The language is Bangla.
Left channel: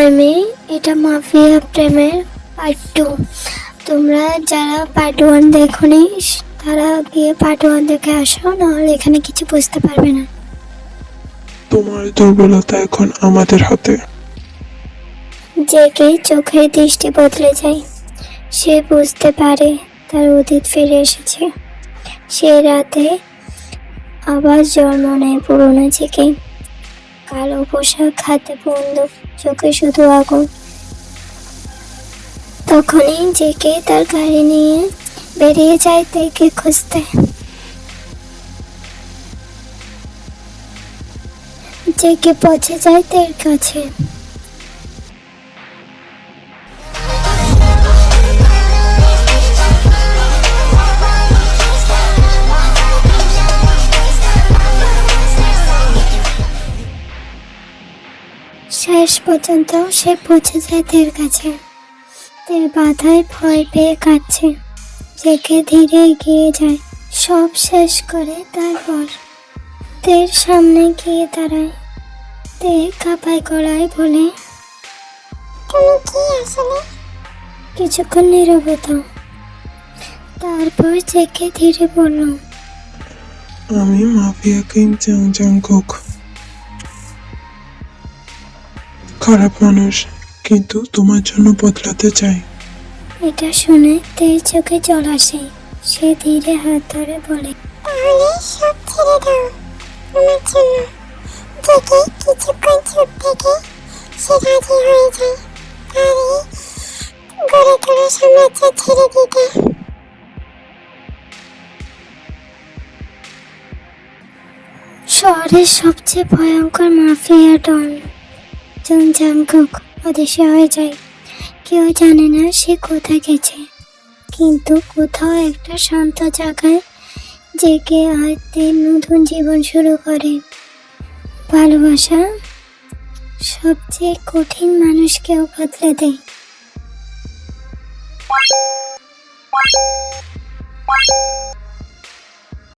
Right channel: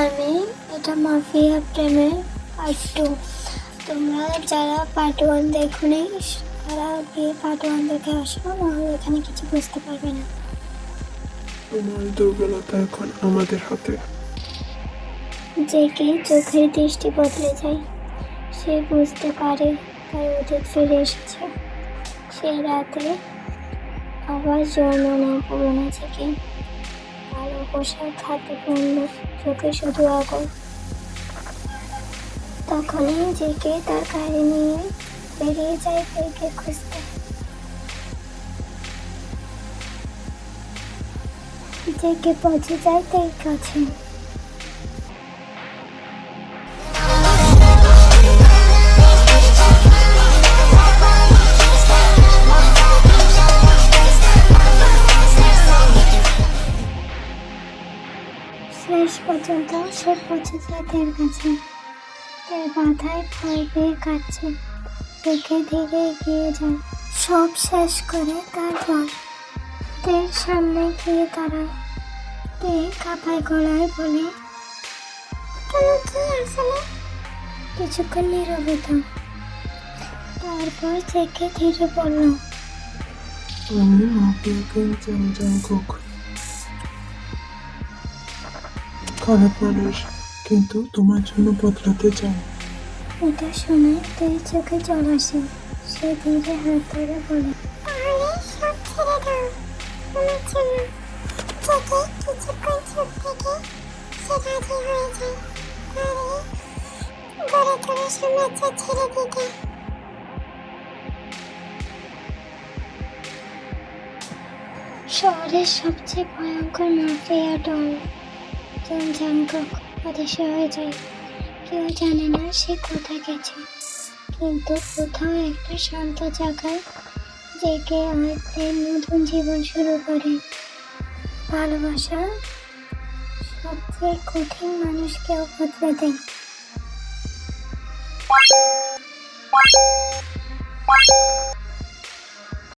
আমি এটা মাফিয়া প্রেমের পার্ট 2। তোমরা যারা পার্ট 1 দেখোনি তারা গিয়ে পার্ট 1 দেখে আসো, নাহলে এখানে কিছু বুঝতে পারবে না। তোমার দুর্বলতা এখন আমাদের হাতে। জেগে চোখের দৃষ্টি বদলে যায়। সে বুঝতে পারে তার অতীত ফিরে এসেছে। সে রাতে আবার জন্ম নেয় পুরনো জেগে। কালো পোশাক, হাতে বন্দুক, চোখে শুধু আগুন। তখনই জেগে তার গাড়ি নিয়ে বেরিয়ে যায় তেকে খুঁজতে। জেগে পৌঁছে যায় তের কাছে। শেষ পর্যন্ত সে পৌঁছে যায় তের কাছে। তের বাধায় ভয় পেয়ে কাঁদছে। জেগে ধীরে এগিয়ে যায়, সব শেষ করে তারপর তের সামনে গিয়ে দাঁড়ায়। তে কাঁপায় গলায় বলে, তুমি কি আসলে? কিছুক্ষণ নীরবতা। তারপর জেগে ধীরে বলল, আমি মাফিয়া কিং জাংকুক। খারাপ মানুষ, কিন্তু তোমার জন্য বদলাতে চাই। এটা শুনে তের চোখে জল আসে। সে ধীরে হাত ধরে বলে, তাহলে সব ছেড়ে দাও আমার জন্য। জেগে কিছুক্ষণ চুপ থেকে সে রাজি হয়ে যায় তারই গড়ে তোলা সাম্রাজ্য ছেড়ে দিতে। শহরের সবচেয়ে ভয়ঙ্কর মাফিয়া ডন জাংকুক অদৃশ্য হয়ে যায়। কেউ জানে না সে কোথায় গেছে, কিন্তু কোথাও একটা শান্ত জায়গায় জেগে আর তের নতুন জীবন শুরু করে। ভালোবাসা সবচেয়ে কঠিন মানুষকেও বদলে দেয়।